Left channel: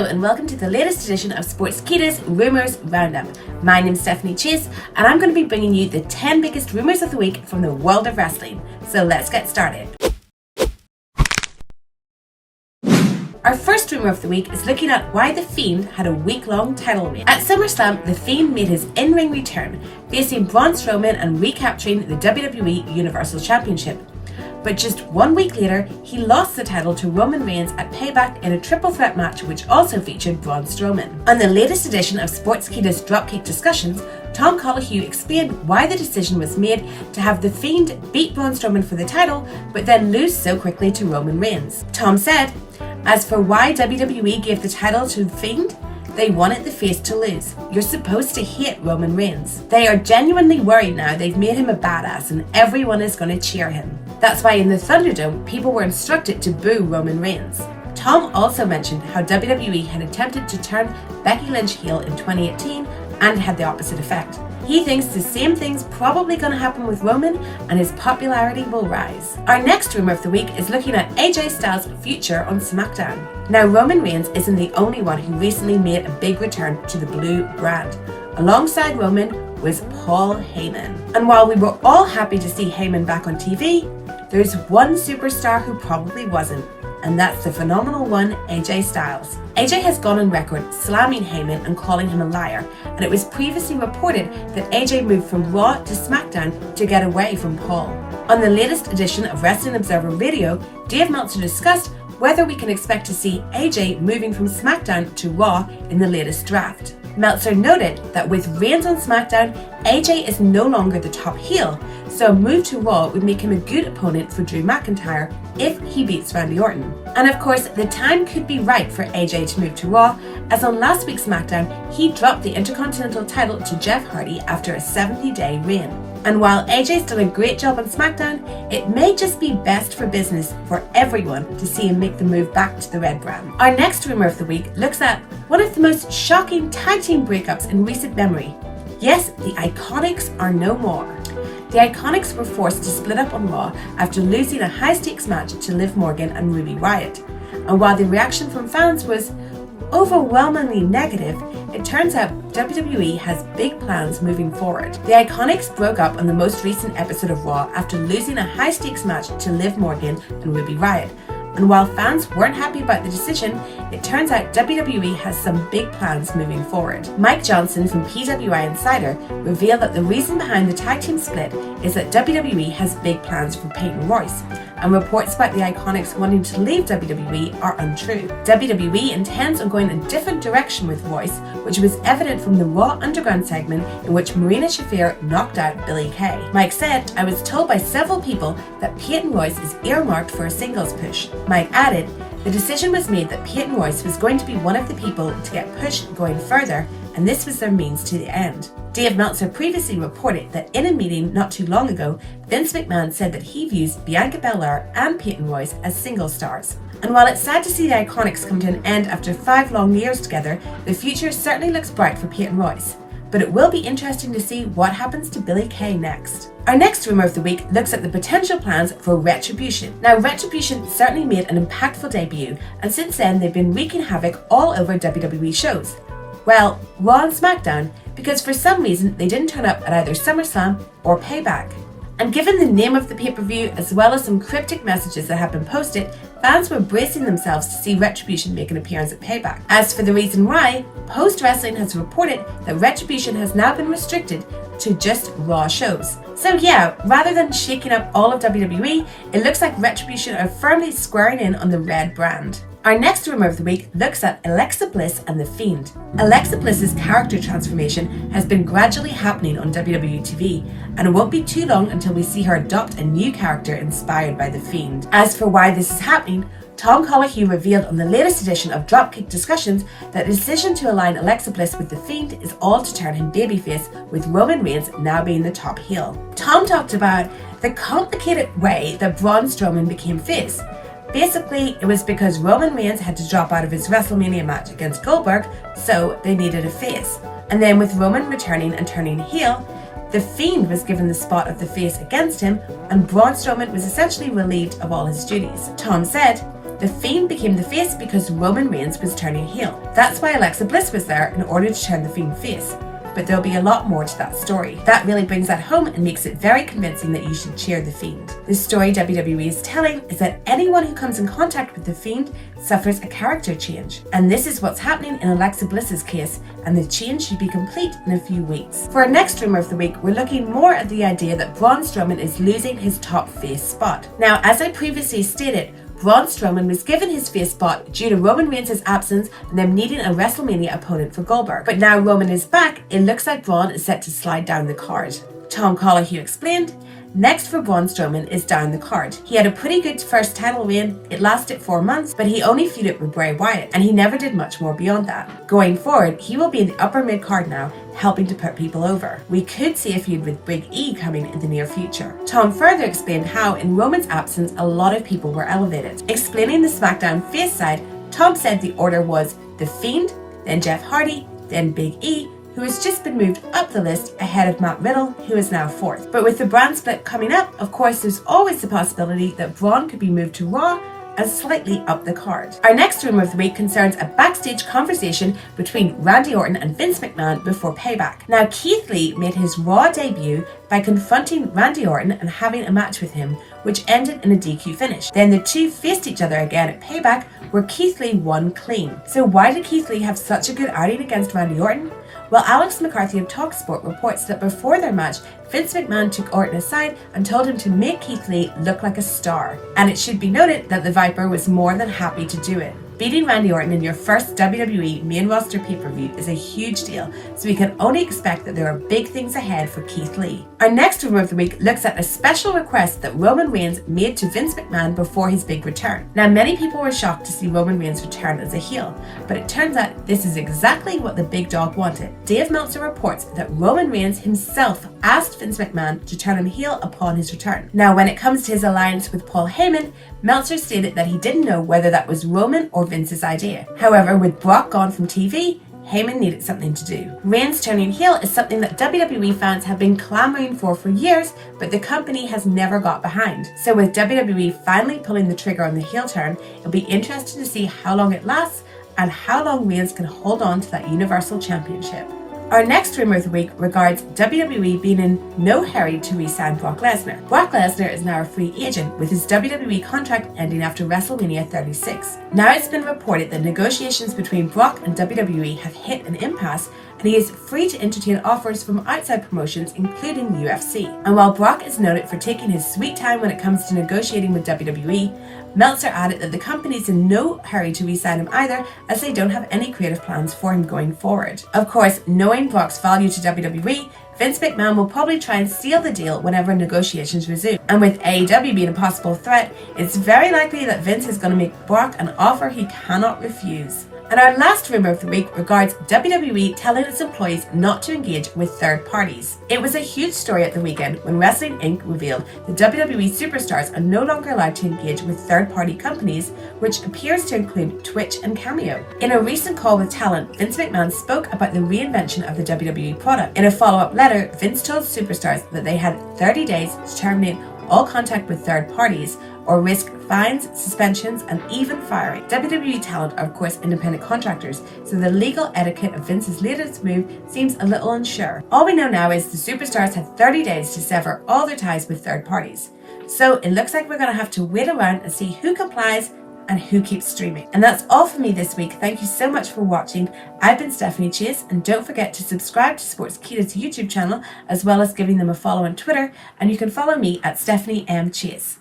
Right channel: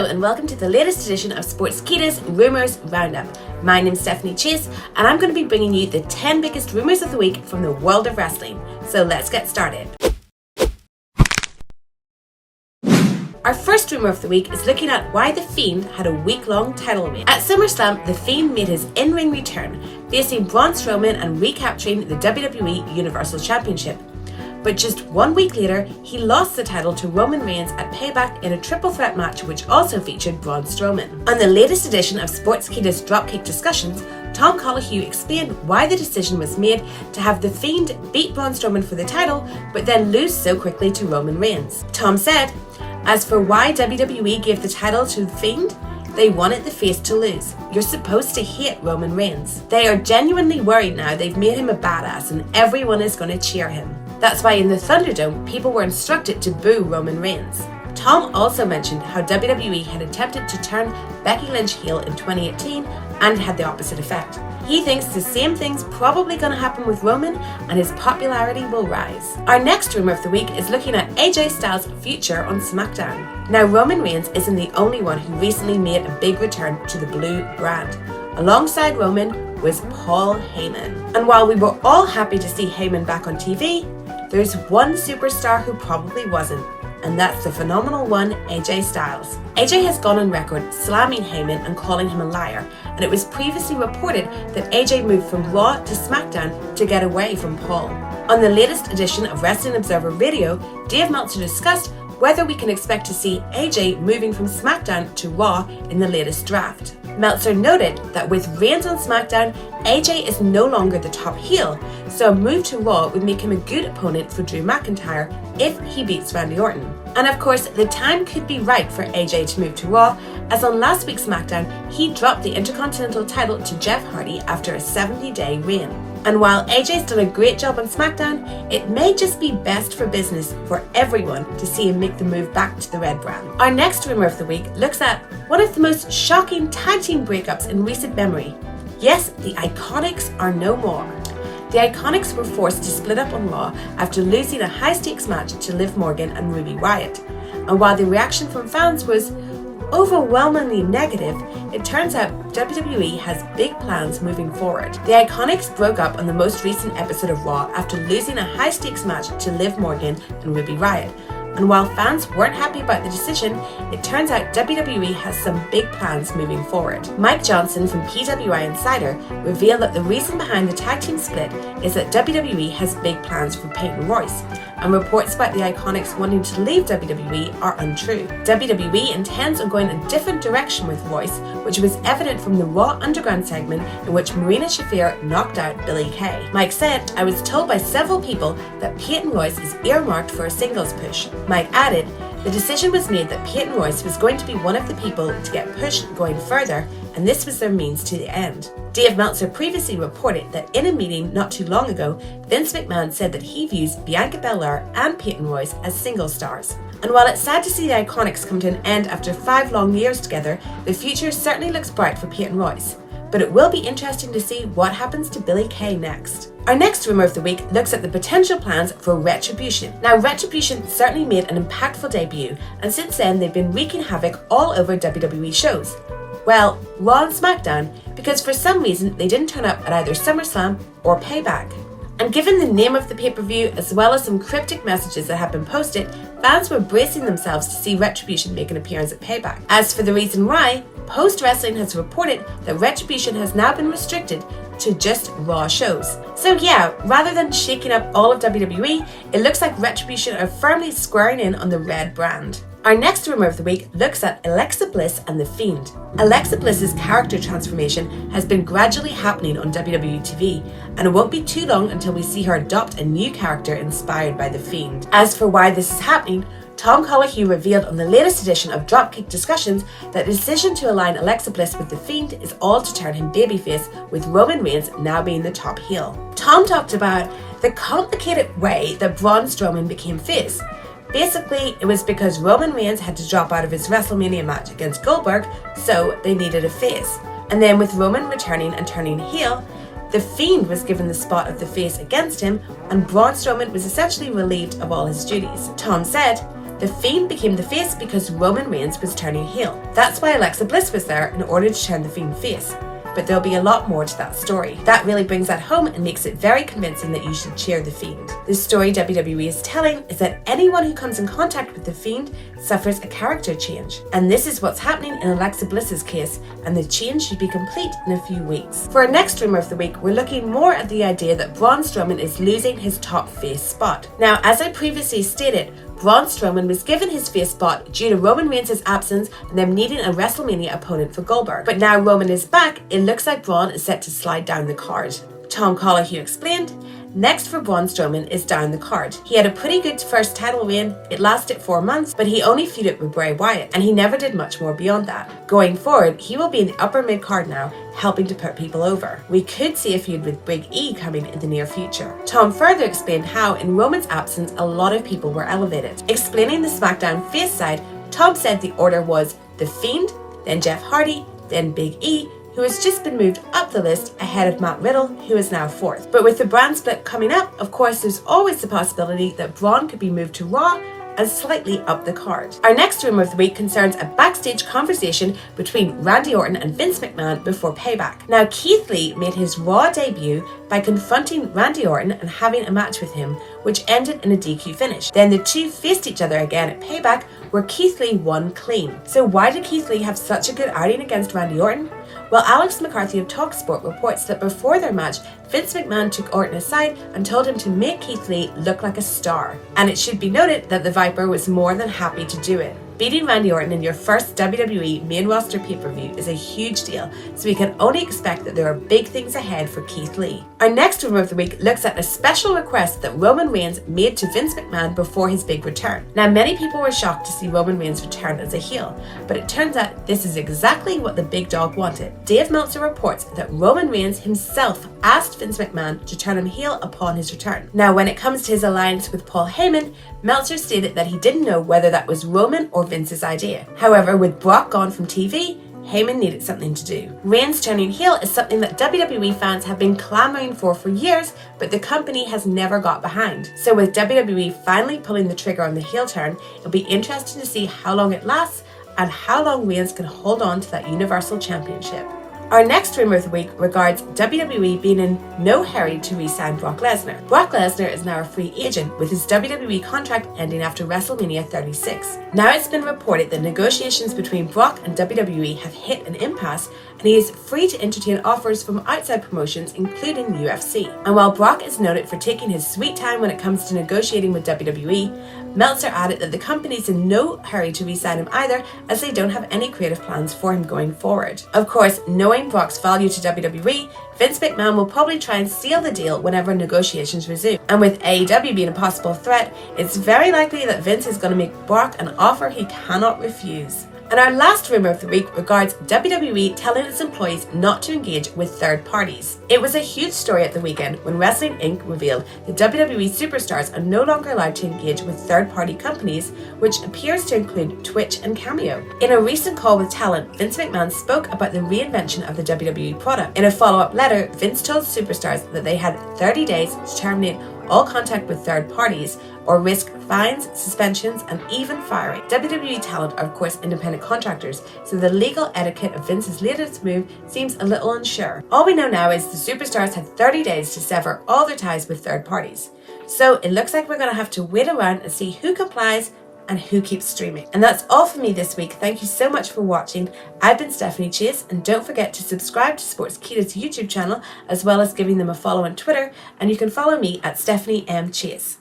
Hello and welcome to the latest edition of Sportskeeda's Rumours Roundup. My name's Stephanie Chase and I'm going to be bringing you the 10 biggest rumours of the week from the world of wrestling. So let's get started. Our first rumour of the week is looking at why The Fiend had a week-long title reign. At SummerSlam, The Fiend made his in-ring return, facing Braun Strowman and recapturing the WWE Universal Championship. But just 1 week later, he lost the title to Roman Reigns at Payback in a triple threat match which also featured Braun Strowman. On the latest edition of Sportskeeda's Dropkick Discussions, Tom Colohue explained why the decision was made to have The Fiend beat Braun Strowman for the title, but then lose so quickly to Roman Reigns. Tom said, "As for why WWE gave the title to The Fiend, they wanted the face to lose. You're supposed to hate Roman Reigns. They are genuinely worried now they've made him a badass and everyone is going to cheer him. That's why in the Thunderdome, people were instructed to boo Roman Reigns." Tom also mentioned how WWE had attempted to turn Becky Lynch heel in 2018 and had the opposite effect. He thinks the same thing's probably going to happen with Roman and his popularity will rise. Our next rumour of the week is looking at AJ Styles' future on SmackDown. Now, Roman Reigns isn't the only one who recently made a big return to the blue brand. Alongside Roman was Paul Heyman. And while we were all happy to see Heyman back on TV, there's one superstar who probably wasn't, and that's the phenomenal one, AJ Styles. AJ has gone on record slamming Heyman and calling him a liar, and it was previously reported that AJ moved from Raw to SmackDown to get away from Paul. On the latest edition of Wrestling Observer Radio, Dave Meltzer discussed whether we can expect to see AJ moving from SmackDown to Raw in the latest draft. Meltzer noted that with Reigns on SmackDown, AJ is no longer the top heel, so a move to Raw would make him a good opponent for Drew McIntyre if he beats Randy Orton. And of course, the time could be right for AJ to move to Raw, as on last week's SmackDown, he dropped the Intercontinental title to Jeff Hardy after a 70-day reign. And while AJ's done a great job on SmackDown, it may just be best for business for everyone to see him make the move back to the red brand. Our next rumour of the week looks at one of the most shocking tag team breakups in recent memory. Yes, the IIconics are no more. The IIconics were forced to split up on Raw after losing a high-stakes match to Liv Morgan and Ruby Riott. And while the reaction from fans was overwhelmingly negative, it turns out WWE has big plans moving forward. The IIconics broke up on the most recent episode of Raw after losing a high-stakes match to Liv Morgan and Ruby Riott. And while fans weren't happy about the decision, it turns out WWE has some big plans moving forward. Mike Johnson from PWI Insider revealed that the reason behind the tag team split is that WWE has big plans for Peyton Royce, and reports about the IIconics wanting to leave WWE are untrue. WWE intends on going a different direction with Royce, which was evident from the Raw Underground segment in which Marina Shafir knocked out Billie Kay. Mike said, "I was told by several people that Peyton Royce is earmarked for a singles push." Mike added, "The decision was made that Peyton Royce was going to be one of the people to get pushed going further, and this was their means to the end." Dave Meltzer previously reported that in a meeting not too long ago, Vince McMahon said that he views Bianca Belair and Peyton Royce as single stars. And while it's sad to see the IIconics come to an end after 5 long years together, the future certainly looks bright for Peyton Royce. But it will be interesting to see what happens to Billie Kay next. Our next rumour of the week looks at the potential plans for Retribution. Now, Retribution certainly made an impactful debut, and since then they've been wreaking havoc all over WWE shows. Well, Raw and SmackDown, because for some reason they didn't turn up at either SummerSlam or Payback. And given the name of the pay-per-view as well as some cryptic messages that have been posted, fans were bracing themselves to see Retribution make an appearance at Payback. As for the reason why, Post Wrestling has reported that Retribution has now been restricted to just Raw shows. So yeah, rather than shaking up all of WWE, it looks like Retribution are firmly squaring in on the red brand. Our next rumour of the week looks at Alexa Bliss and The Fiend. Alexa Bliss's character transformation has been gradually happening on WWE TV, and it won't be too long until we see her adopt a new character inspired by The Fiend. As for why this is happening, Tom Colohue revealed on the latest edition of Dropkick Discussions that the decision to align Alexa Bliss with The Fiend is all to turn him babyface, with Roman Reigns now being the top heel. Tom talked about the complicated way that Braun Strowman became face. Basically, it was because Roman Reigns had to drop out of his WrestleMania match against Goldberg, so they needed a face. And then with Roman returning and turning heel, The Fiend was given the spot of the face against him, and Braun Strowman was essentially relieved of all his duties. Tom said, The Fiend became the face because Roman Reigns was turning heel. That's why Alexa Bliss was there in order to turn the Fiend face. But there'll be a lot more to that story. That really brings that home and makes it very convincing that you should cheer the Fiend. The story WWE is telling is that anyone who comes in contact with the Fiend suffers a character change. And this is what's happening in Alexa Bliss's case, and the change should be complete in a few weeks. For our next rumor of the week, we're looking more at the idea that Braun Strowman is losing his top face spot. Now, as I previously stated, Braun Strowman was given his face spot due to Roman Reigns' absence and them needing a WrestleMania opponent for Goldberg. But now Roman is back, it looks like Braun is set to slide down the card. Tom Collahue explained, "Next for Braun Strowman is down the card. He had a pretty good first title reign, it lasted 4 months, but he only feuded with Bray Wyatt, and he never did much more beyond that. Going forward, he will be in the upper mid-card now, helping to put people over. We could see a feud with Big E coming in the near future." Tom further explained how in Roman's absence a lot of people were elevated. Explaining the SmackDown face side, Tom said the order was The Fiend, then Jeff Hardy, then Big E, who has just been moved up the list ahead of Matt Riddle, who is now 4th. But with the brand split coming up, of course there's always the possibility that Braun could be moved to Raw and slightly up the card. Our next rumor of the week concerns a backstage conversation between Randy Orton and Vince McMahon before Payback. Now, Keith Lee made his Raw debut by confronting Randy Orton and having a match with him, which ended in a DQ finish. Then the two faced each other again at Payback, where Keith Lee won clean. So why did Keith Lee have such a good outing against Randy Orton? Well, Alex McCarthy of TalkSport reports that before their match, Vince McMahon took Orton aside and told him to make Keith Lee look like a star. And it should be noted that the Viper was more than happy to do it. Beating Randy Orton in your first WWE main roster pay-per-view is a huge deal, so we can only expect that there are big things ahead for Keith Lee. Our next rumor of the week looks at a special request that Roman Reigns made to Vince McMahon before his big return. Now, many people were shocked to see Roman Reigns return as a heel, but it turns out this is exactly what the big dog wanted. Dave Meltzer reports that Roman Reigns himself asked Vince McMahon to turn him heel upon his return. Now, when it comes to his alliance with Paul Heyman, Meltzer stated that he didn't know whether that was Roman or Vince's idea. However, with Brock gone from TV, Heyman needed something to do. Reigns turning heel is something that WWE fans have been clamoring for years, but the company has never got behind. So with WWE finally pulling the trigger on the heel turn, it'll be interesting to see how long it lasts and how long Reigns can hold on to that Universal Championship. Our next rumor of the week regards WWE being in no hurry to re-sign Brock Lesnar. Brock Lesnar is now a free agent with his WWE contract ending after WrestleMania 36. Now it's been reported that negotiations between Brock and WWE have hit an impasse and he is free to entertain offers from outside promotions including the UFC. And while Brock is noted for taking his sweet time when it comes to negotiating with WWE, Meltzer added that the company's in no hurry to re-sign him either, as they don't have any creative plans for him going forward. Of course, knowing Brock's value to WWE, Vince McMahon will probably try and seal the deal whenever negotiations resume. And with AEW being a possible threat, it's very likely that Vince is going to make Brock an offer he cannot refuse. And our last rumor of the week regards WWE telling its employees not to engage with third parties. It was a huge story at the weekend when Wrestling Inc. revealed the WWE superstars are no longer allowed to engage with third-party companies, which appears to include Twitch and Cameo. In a recent call with talent, Vince McMahon spoke about the reinvention of the WWE product. In a follow-up letter, Vince told superstars that they had 30 days to terminate all contact with third parties or risk fines, suspensions, and even firing. WWE talent are of course independent contractors, so the legal etiquette of Vince's latest move seems a little unsure. All we know now is the superstars have 30 days to sever all their ties with third parties. So it looks like we're going to have to wait around and see who complies and who keeps streaming. And that's all for me this week. Thank you so much for watching. I've been Stephanie Chase, and don't forget to subscribe to Sportskeeda's YouTube channel as well as giving them a follow on Twitter, and you can follow me at Stephanie M. Chase.